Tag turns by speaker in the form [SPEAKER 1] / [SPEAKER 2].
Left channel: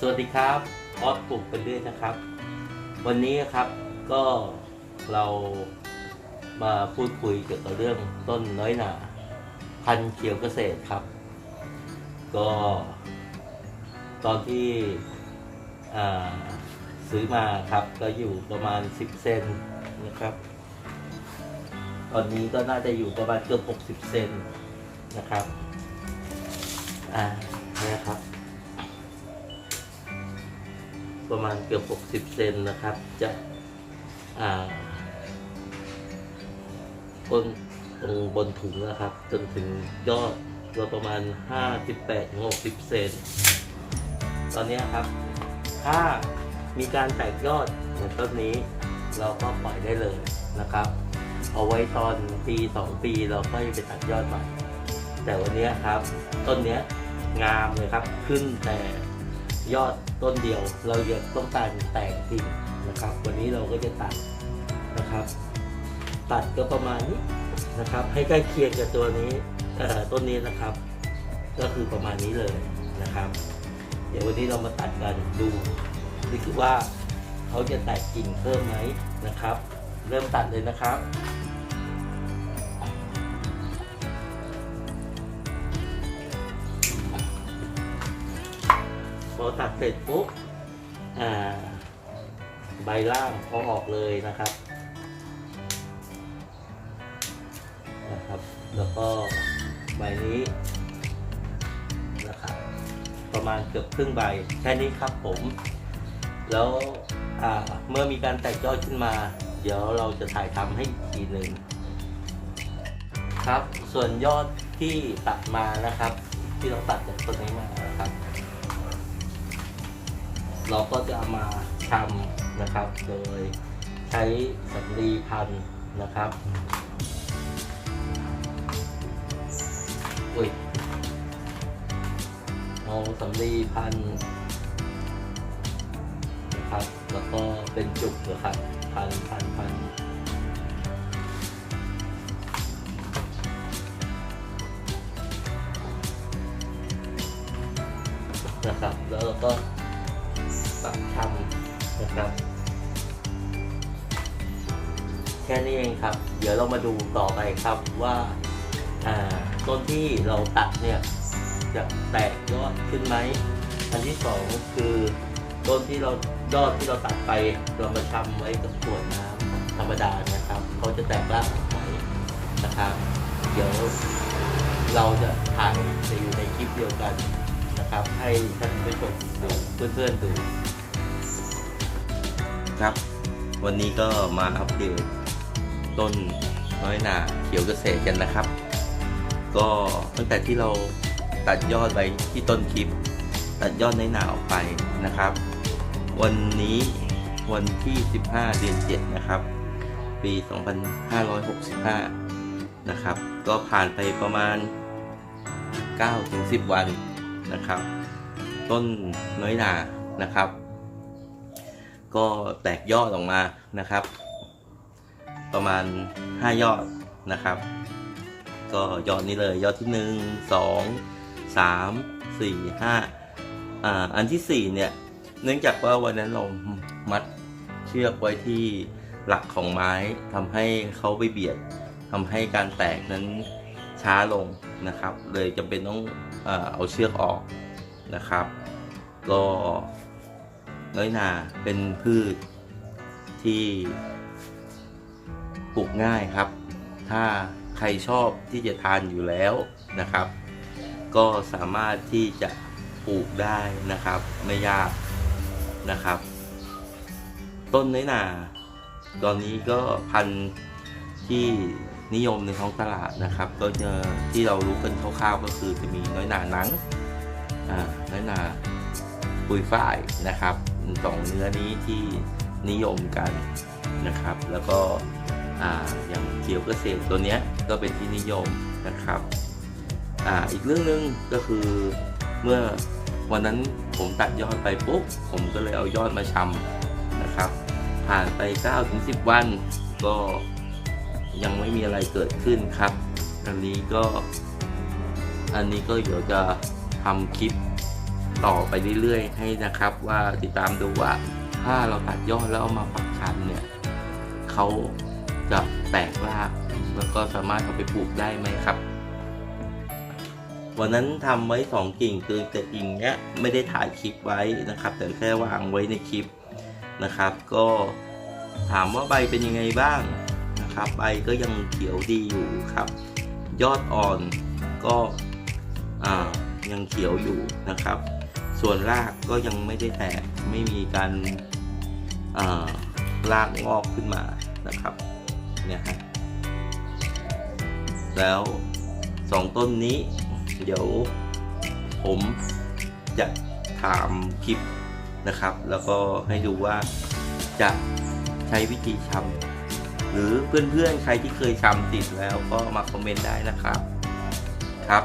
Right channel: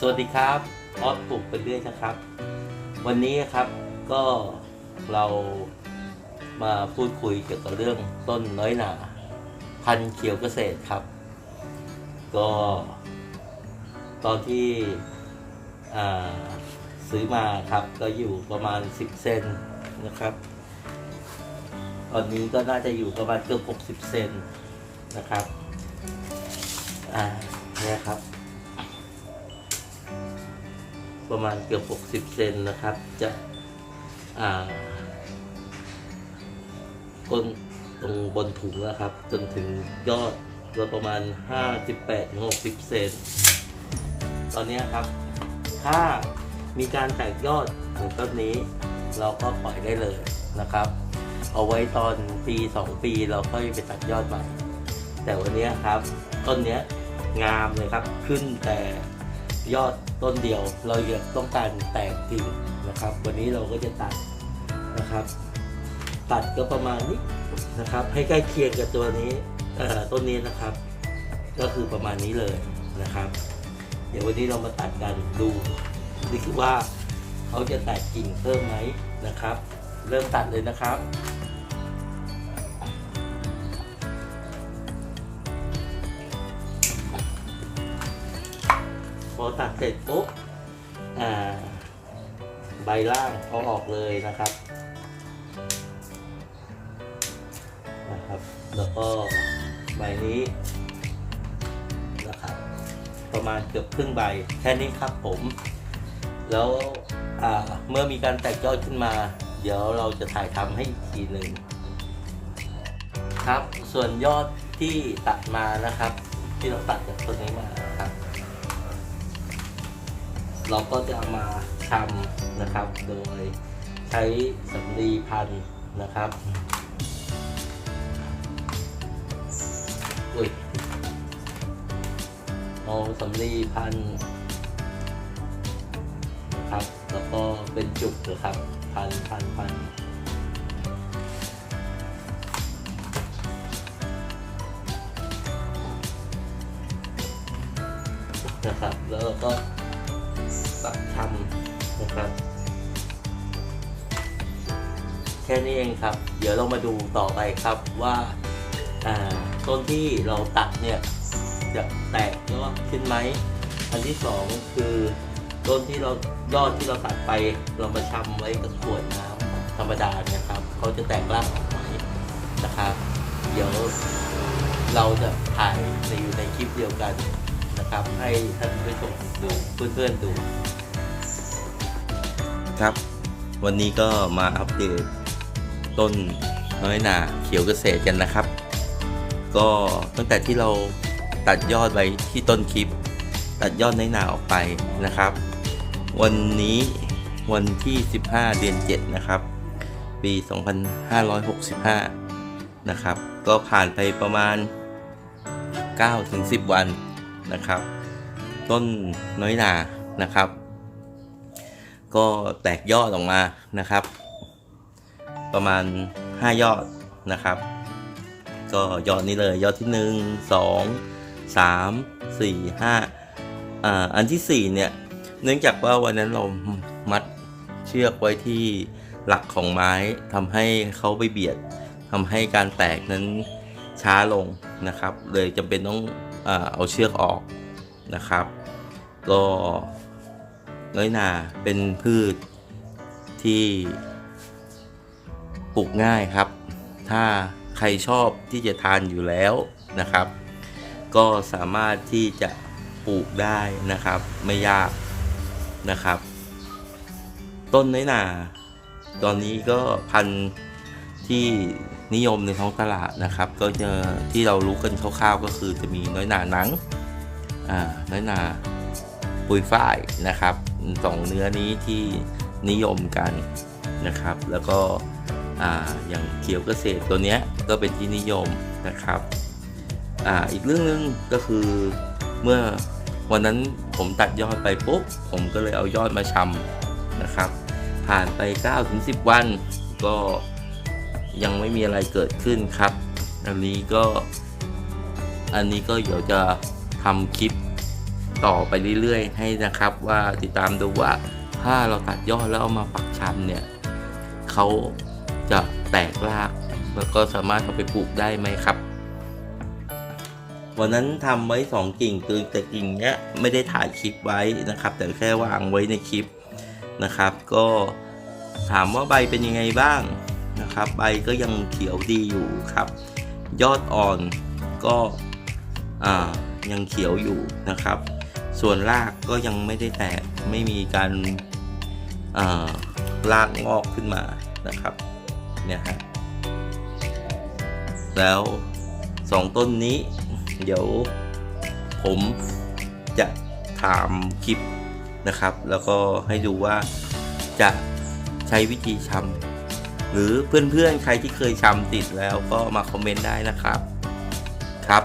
[SPEAKER 1] สวัสดีครับออฟปลูกไปเรื่อยนะครับ วันนี้ครับก็เรามาพูดคุยเกี่ยวกับเรื่องต้นน้อยหนาพันเขียวเกษตรครับ ก็ ตอนที่ซื้อมาครับก็อยู่ประมาณ 10 เซนนะครับ ตอนนี้ก็น่าจะอยู่ประมาณเกือบ60 เซนนะครับ อ่าเนี่ยครับ ประมาณเกือบ 60 เซนนะครับ จะก้นตรงบนถุงนะครับ จนถึงยอดก็ประมาณ 58-60 เซน ตอนนี้ครับ ถ้ามีการแตกยอดของต้นนี้ เราก็ปล่อยได้เลยนะครับ เอาไว้ตอนปี 2 ปีเราค่อยไปตัดยอดใหม่ แต่วันนี้ครับ ต้นนี้งามเลยครับ ขึ้นแต่ ยอดต้นเดียว เราอยากต้องการแตกกิ่งนะครับ วันนี้เราก็จะตัดนะครับ ตัดก็ประมาณนี้นะครับ ให้ใกล้เคียงกับตัวนี้ต้นนี้นะครับ ก็คือประมาณนี้เลยนะครับ เดี๋ยววันนี้เรามาตัดกันดูนี่คือว่าเขาจะแตกกิ่งเพิ่มไหมนะครับ เริ่มตัดเลยนะครับ อตัดเสร็จปุ๊บใบล่างเขาออกเลยนะครับนะครับ แล้วก็ใบนี้นะครับประมาณเกือบครึ่งใบแค่นี้ครับผม แล้วเมื่อมีการแตกยอดขึ้นมา เดี๋ยวเราจะถ่ายทำให้อีกทีหนึ่งครับ ส่วนยอดที่ตัดมานะครับ ที่เราตัดจากต้นนี้มานะครับ เราก็จะมาทำนะครับ โดยใช้สำลีพันนะครับ อุ้ยเอาสำลีพันนะครับ แล้วก็เป็นจุกนะครับ พันพันพันนะครับ แล้วก็ปักทำ นะครับ แค่นี้เองครับ เดี๋ยวเรามาดูต่อไปครับว่าต้นที่เราตัดเนี่ยจะแตกยอดขึ้นไหมอันที่สองคือต้นที่เรายอดที่เราตัดไปเรามาชำไว้กับขวดน้ำธรรมดานะครับเขาจะแตกรากไหมนะครับ เดี๋ยวเราจะถ่ายไปอยู่ในคลิปเดียวกันนะครับ ให้ท่านผู้ชมดูเพื่อนๆดู
[SPEAKER 2] ครับ วันนี้ก็มาอัปเดตต้นน้อยหนาเขียวเกษตรกันนะครับ ก็ตั้งแต่ที่เราตัดยอดไว้ที่ต้นคลิป ตัดยอดน้อยหนาออกไปนะครับ วันนี้วันที่ 15 เดือน 7 นะครับ ปี 2565 นะครับ ก็ผ่านไปประมาณ 9-10 วันนะครับ ต้นน้อยหนานะครับ ก็แตกยอดออกมานะครับ ประมาณ 5 ยอดนะครับ ก็ยอดนี้เลยยอดที่ 1 2 3 4 5อ่าอันที่ 4 เนี่ย เนื่องจากว่าวันนั้นเรามัดเชือกไว้ที่หลักของไม้ทำให้เขาไปเบียดทำให้การแตกนั้นช้าลงนะครับ เลยจำเป็นต้องอเอาเชือกออกนะครับ ก็ น้อยหนาเป็นพืชที่ปลูกง่ายครับ ถ้าใครชอบที่จะทานอยู่แล้วนะครับ ก็สามารถที่จะปลูกได้นะครับ ไม่ยากนะครับ ต้นน้อยหนา ตอนนี้ก็พันธุ์ที่นิยมในท้องตลาดนะครับ ก็จะที่เรารู้กันคร่าวๆก็คือจะมีน้อยหนาหนังอ่าน้อยหนาปุยฝ้ายนะครับ สองเนื้อนี้ที่นิยมกันนะครับ แล้วก็ออย่างเขียวเกษตรตัวเนี้ยก็เป็นที่นิยมนะครับออีกเรื่องหนึงก็คือเมื่อวันนั้นผมตัดยอดไปปุ๊บผมก็เลยเอายอดมาชำนะครับ ผ่านไป9-10 วัน ก็ยังไม่มีอะไรเกิดขึ้นครับ อันนี้ก็อันนี้ก็เดี๋ยวจะทำคลิป ต่อไปเรื่อยๆ ให้นะครับว่าติดตามดูว่าถ้าเราตัดยอดแล้วเอามาปักชันเนี่ยเขาจะแตกรากแล้วก็สามารถเอาไปปลูกได้ไหมครับวันนั้นทำไว้สองกิ่งคือแต่กิ่งเนี้ยไม่ได้ถ่ายคลิปไว้นะครับ แต่แค่วางไว้ในคลิปนะครับ ก็ถามว่าใบเป็นยังไงบ้างนะครับ ใบก็ยังเขียวดีอยู่ครับ ยอดอ่อนก็อ่ายังเขียวอยู่นะครับ ส่วนรากก็ยังไม่ได้แตกไม่มีการารากงอกขึ้นมานะครับเนี่ยฮะแล้วสองต้นนี้ เดี๋ยวผมจะถามคลิปนะครับ แล้วก็ให้ดูว่าจะใช้วิธีชำหรือเพื่อนๆใครที่เคยชำติดแล้วก็มาคอมเมนต์ได้นะครับครับ